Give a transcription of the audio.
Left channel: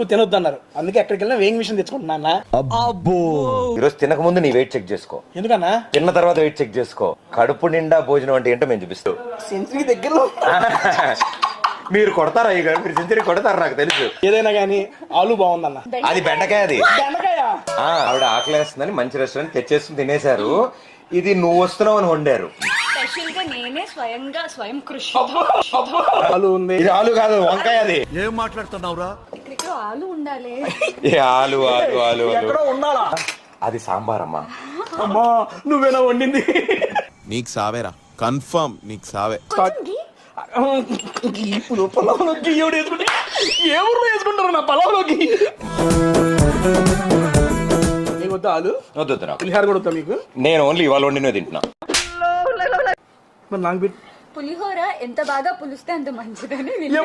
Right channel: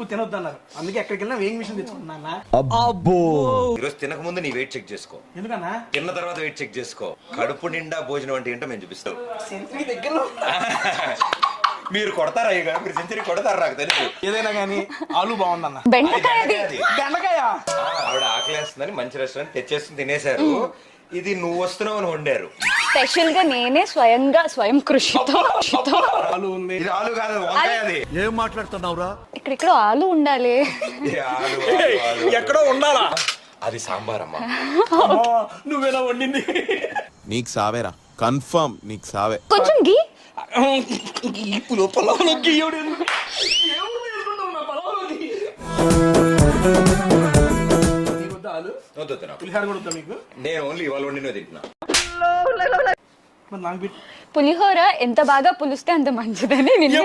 ఎక్కువ తినొద్దు అన్నారు. అందుకే ఎక్కడికి వెళ్ళినా వేయింగ్ మిషన్ తెచ్చుకుంటున్నా. అబ్బో ఈరోజు తినక ముందు నీ వెయిట్ చెక్ చేసుకో, ఎందుకన్నా? తిన్న తర్వాత వెయిట్ చెక్ చేసుకో. కడుపు నిండా భోజనం అంటే ఏంటో మేము చూపిస్తాం. సెంచరీ దగ్గరలో మీరు కొడతారా? మీరు సెంచరీ కొడతారు నాకు తెలుసు. ఏదైనా కానీ ఆలు బాగుందన్న. అది బెండకాయ. అది బెండకాయ. ఆవిడ ఆకలేస్తుందని మంచి రెస్టారెంట్ తెచ్చేసుకుని తినేశారు. ఇది నువ్వు వస్తున్నావు అని వండారు. స్పెషల్ గా నేనే స్వయం కృషితో ఆలు ఉంది. ఇది ఆలు కాదు, వంకాయ. అది ఏం మాట్లాడుతున్నావురా? ఇక్కడ ఆలు ఉండాలి. ఏ ఆలు ఆలు ఆలు ఎక్కడో ఉండాలా? అది సాంబార్ అమ్మా. అమ్మా నువ్వేనా వండింది? నీకు సావేరా, కన్ఫర్మ్ నీకు సావే. కొంచెం గీ పొలంలోకి ఎవడు వేసుకుంటే ఏ ఊర్లో వేసుకుంటారు నా పొలంలోకి? వద్దా ఆలు? వద్దు పులిహార కూడా వద్దా మీకు? నేను ఓన్లీ ఇవాళ వండినవి తింటున్నా. మరి నాకు పెట్టి పులిహోర ఎంత బాగా పులిస్తే అంత మంచిదని నేను